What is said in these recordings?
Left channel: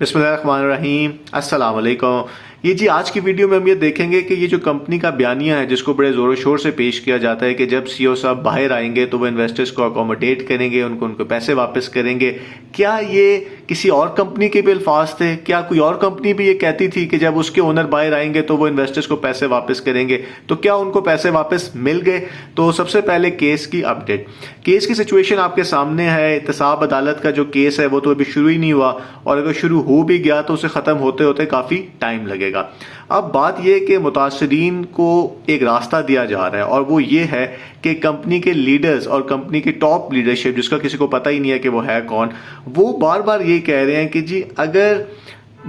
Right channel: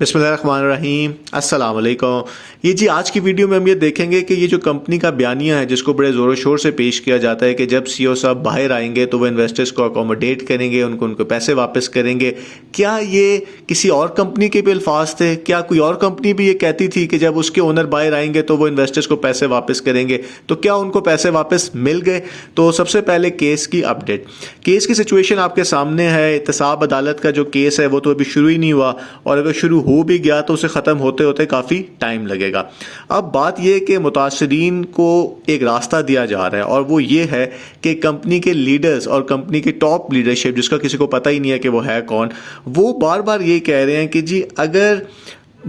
बिस्मिल्लाहिर्रहमानिर्रहीम, अस्सलाम वालेकुम। ये जी आज की वीडियो में हम ये देखेंगे कि ये जो कंपनी का बयानिया है जिसको बड़े ज़ोर शोर से पेश किया जाता है कि जब सीईओ साहब बाहर आएंगे तो वो इन्वेस्टर्स को अकोमोडेट करेंगे, उनको पैसे वापस करेंगे। क्या ये किसी और कंपनी के भी अल्फाज थे? क्या कोई और कंपनी भी ये कहती थी कि जब उसके ओनर बाहर आएंगे तो वो इन्वेस्टर्स को पैसे वापस करेंगे? तो क्या उनको पैसे वापस मिल गए? तो सबसे पहले केस की अपडेट। केस की सिचुएशन आपके सामने है। एहतसाब अदालत का जो केस है वो तो अभी शुरू ही नहीं हुआ, और अगर शुरू हो भी गया तो उसे ख़त्म होते होते काफ़ी टाइम लगेगा। अब बात यह कि मुतासरीन को एक रास्ता दिया जा रहा है, और वो ये है कि कंपनी के लीडर्स और कंपनी की टॉप लीडरशिप, जिसका किसी को पता ही नहीं है कि वो है कौन, वो बार बार ये कह रहे हैं कि जी अगर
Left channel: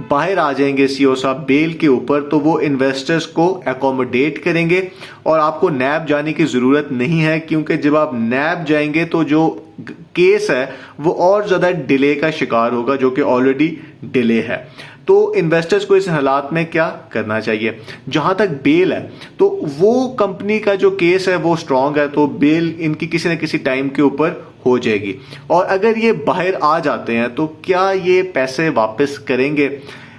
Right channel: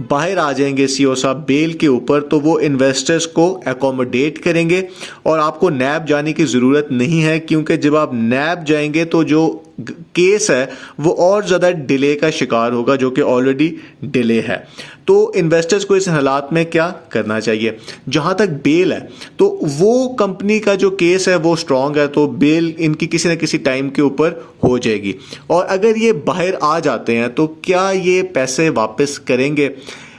बाहर आ जाएंगे सीईओ साहब बेल के ऊपर तो वो इन्वेस्टर्स को एकोमोडेट करेंगे, और आपको नैब जाने की ज़रूरत नहीं है, क्योंकि जब आप नैब जाएंगे तो जो केस है वो और ज़्यादा डिले का शिकार होगा, जो कि ऑलरेडी डिले है। तो इन्वेस्टर्स को इस हालात में क्या करना चाहिए? जहां तक बेल है तो वो कंपनी का जो केस है वो स्ट्रांग है, तो बेल इनकी किसी न किसी टाइम के ऊपर हो जाएगी। और अगर ये बाहर आ जाते हैं तो क्या ये पैसे वापस करेंगे?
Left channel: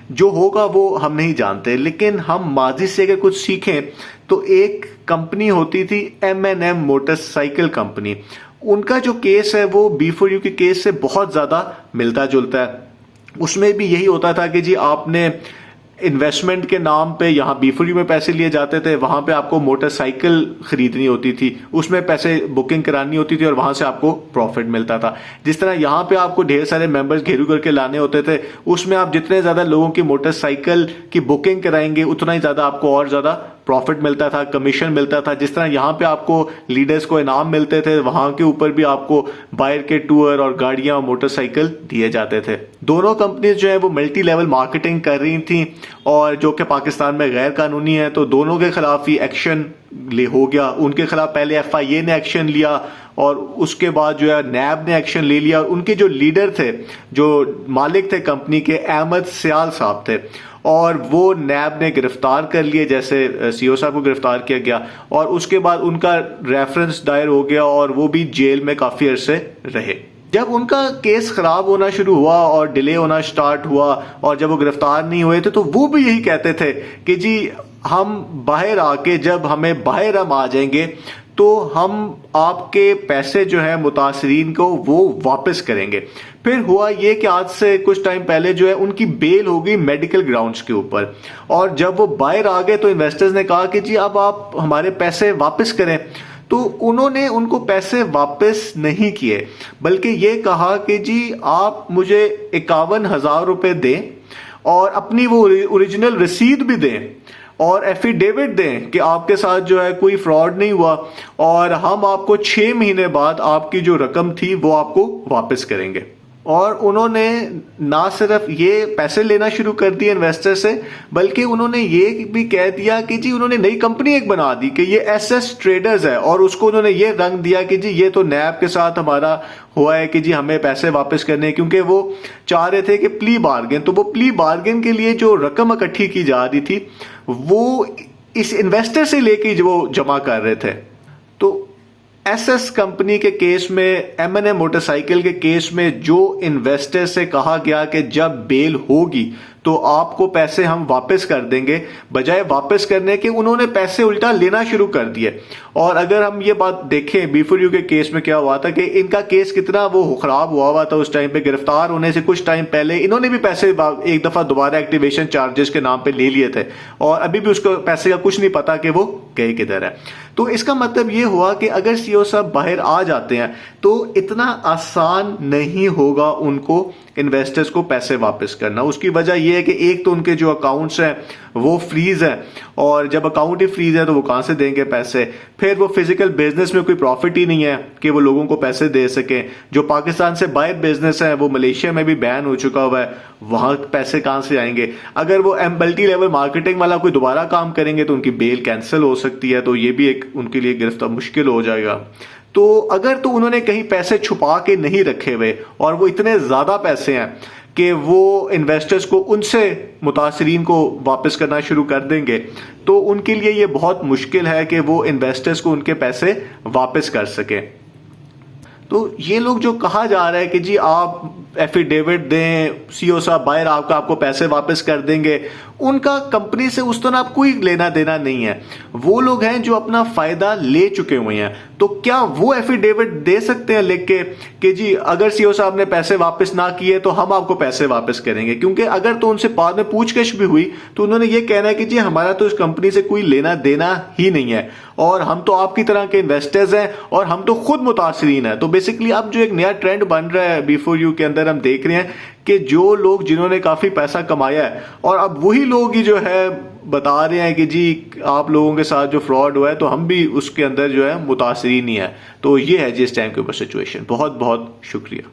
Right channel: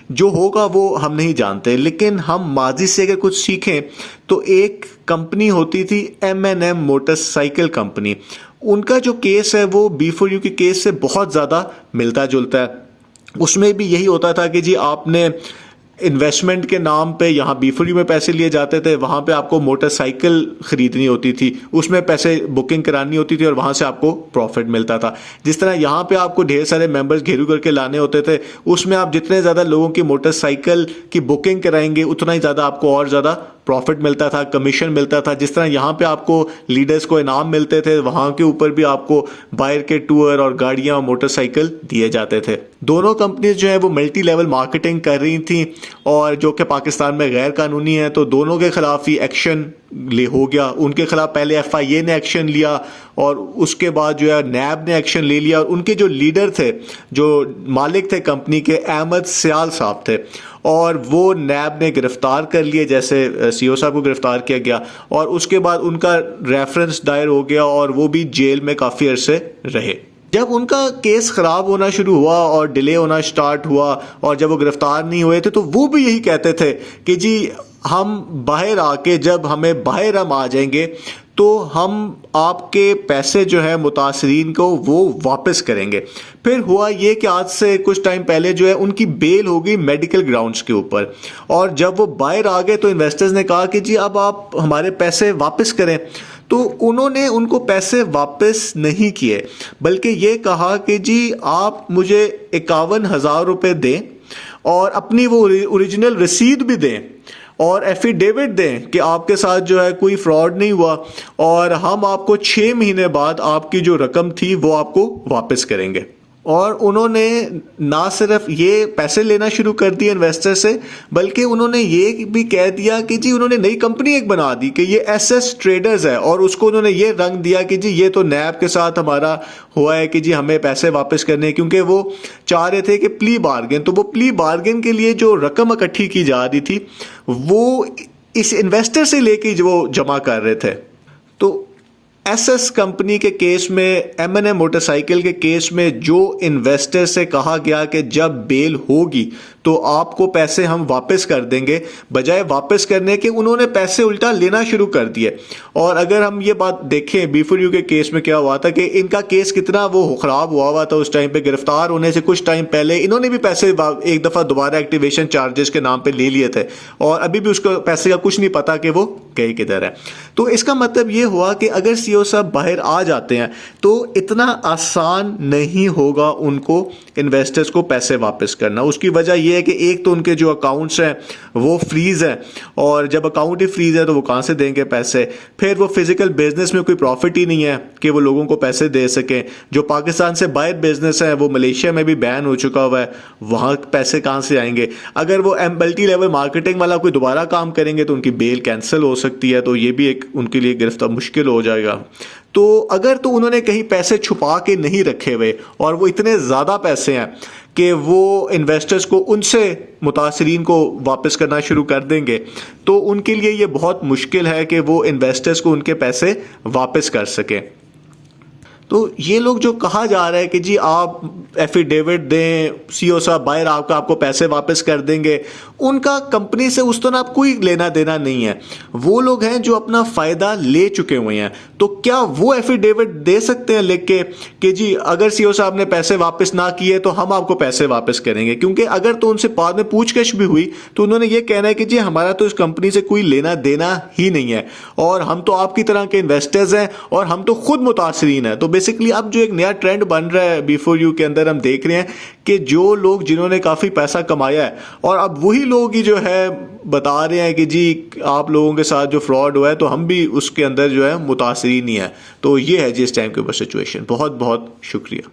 जो होगा वो हम नहीं जानते, लेकिन हम माजी से अगर कुछ सीखें तो एक कंपनी होती थी M&M मोटरसाइकिल कंपनी। उनका जो केस है वो B4U के केस से बहुत ज़्यादा मिलता जुलता है। उसमें भी यही होता था कि जी आपने इन्वेस्टमेंट के नाम पे यहाँ B4U में पैसे लिए जाते थे, वहाँ पे आपको मोटरसाइकिल खरीदनी होती थी, उसमें पैसे बुकिंग करानी होती थी और वहाँ से आपको प्रॉफिट मिलता था। जिस तरह यहाँ पे आपको ढेर सारे मेंबर्स घेरू करके लाने होते थे, उसमें आप जितने ज़्यादा लोगों की मोटरसाइकिल की बुकिंग कराएंगे उतना ही ज़्यादा आपको और ज़्यादा प्रॉफिट मिलता था, कमीशन मिलता था। जिस तरह यहाँ पे आपको लीडर्स को इनाम मिलते थे, वहाँ के ऊपर भी आपको बाहर के टूर और गाड़ियाँ मोटरसाइकिल दिए जाते थे। दोनों कंपनीज जो है वो मल्टी लेवल मार्केटिंग कर रही थी, और जो कि पाकिस्तान में गैर कानूनी है, तो दोनों के खिलाफ ही एक्शन हो गया। उनके खिलाफ पहले FIA ने एक्शन लिया, और उसके बाद जो है नैब ने एक्शन ले लिया, और उनके जो लीडर थे, जो मालिक थे कंपनी के, अहमद सियाल साहब थे, और वो नैब ने गिरफ्तार कर लिए, जैसे सीईओ साहब को गिरफ्तार किया गया, और उसके बाद उनका रेफरेंस दायर हो गया और वो भी जेल में काफ़ी अरसे रहे। जब उनका केस खराब होना शुरू हुआ और डिले होना स्टार्ट हुआ, और जब वो गिरफ्तार नहीं हुए थे तो वो भी यही कहते थे कि जी हम बाहर आके, जब हमें बाहर हम आ जाएंगे तो हम आपके पैसे जो है मुतासरीन को वो वापस करेंगे। फिर हुआ ये कि आज से कुछ टाइम पहले जो है उनकी बेल हो गई मेडिकल ग्राउंड्स के ऊपर, और जब वो बाहर आ गए तो इन्वेस्टर्स ने कहा कि जी अब आप हमारे पैसे वापस करें। तो उन्होंने उनको पैसे वापस नहीं किए, बल्कि ये कहा कि जी आप मुझे 51,000 रुपये दें और अपनी वो ओरिजिनल रसीद भी दें और एफिडेविट दें कि आपके साथ जो है कोई फ्रॉड नहीं हुआ, और हम आपको 6 महीने बाद आपकी जो रकम थी वो आपको वापस करेंगे। और उन्होंने ना सिर्फ ये पैसे लेना शुरू कर दिए इन्वेस्टर से, बल्कि उन्होंने ये भी कह दिया कि जी उन्होंने नई कंपनी एक बना दी कि ये SS ट्रेडर्स है, और उसको उन्होंने ये रंग दिया कि जी ये तो नैब के साथ हमारा हुआ है कि जी हमें पैसे वापस करने, क्योंकि वो चाह रहे थे कि प्ली बार्गेन, तो वो प्ली बार्गेन के लिए जो रकम इकट्ठी की जा रही थी वो इस इन्वेस्टर से लेके जो वो जमा कर रहे थे। तो SS कंपनी के केस में, M&M मोटरसाइकिल के केस में जो इन्वेस्टर से कहा गया कि जब बेल होगी तो आपको पैसे हम वापस कर देंगे, बजाय वापस करने के उन्होंने पैसे उल्टा लेना शुरू कर दिए। और अगर हम ये बात देखें B4U के केस में क्या हुआ था कि इनका केस कितना वो खराब हुआ था, उस टाइम पे गिरफ्तार होने से कुछ टाइम पहले इन्होंने भी पैसे एक दफ़ा दोबारा एक्टिवेशन चार्जेस के नाम पे ले लिए थे, और अभी भी उसको पैसे का कुछ नहीं पता कि वो गए किधर है। तो इसका मतलब ये हुआ कि अगर सीईओ साहब बाहर आ जाते हैं तो इतना आसान नहीं होगा उनको इन्वेस्टर्स को पैसे वापस करना। उसकी वजह यह है कि एक तो उनके जो अकाउंट्स हैं वो फ्रीज हैं, और जब अकाउंट ही फ्रीज है तो वो कहाँ से देंगे पैसे? फिर वो फिजिकल बिजनेस में कोई प्रॉफिट ही नहीं है कि वो लोगों को पैसे दे सकें। जो पाकिस्तान से बाहर बिजनेस है वो मलेशिया में भी बैन हो चुका हुआ है, वहाँ पैसे कहाँ से आएंगे? अगर वो मल्टी लेवल मार्केटिंग वाला कोई दोबारा काम करेंगे तो उनकी बेल कैंसिल हो सकती है, तो ये भी एक उनके लिए गिरफ्तार मुश्किल हो जाएगा। तो अगर तो उन्होंने कहीं पैसे छुपा के नहीं रखे हुए, और वो इतने ज़्यादा पैसे हैं कि वो इन्वेस्टर्स को उनसे मुतासरीन को वापस करना शुरू कर देंगे, तो उनके लिए ये बहुत मुश्किल है कि वो इन्वेस्टर्स को उनके पैसे वापस कर सकें। तो ये लोग जो कहा जा रहा है कि जी आप एफिडेविट दें, सीईओ साहब बाहर आकर आपको पैसे वापस कर देंगे, उनका कंपनी से उस तरह आप कोई लेना देना नहीं है। वो लोग हैं जो अपना फायदा ले चुके हुए हैं। तो क्या वो एफिडेविट दे सकते हैं लिख के कि जी अगर सीईओ साहब ने पैसे वापस ना किए तो हम आपको पैसे वापस करेंगे? क्योंकि अगर तो उनसे बाद में पूछताछ भी हुई तो उन्होंने ये कहना है कि जी हमारा तो इस कंपनी से कोई लेना देना ही नहीं है और हम तो आपकी तरह के इन्वेस्टर्स हैं और हम तो खुद मुतासरीन हैं। तो बेसिकली अब जो एक नया ट्रेंड बन रहा है B4U के अंदर, हम देख रहे हैं कि जो लोग जिन्होंने काफी पैसा कमाया है और अब वही लोग ही जो है बता रहे हैं कि जी आप लोगों के साथ जो फ्रॉड हुआ है तो हम भी उसके अंदर जो है मुतासरीन ही है। तो ये है जी इस टाइम के ऊपर सिचुएशन। बहुत बहुत शुक्रिया।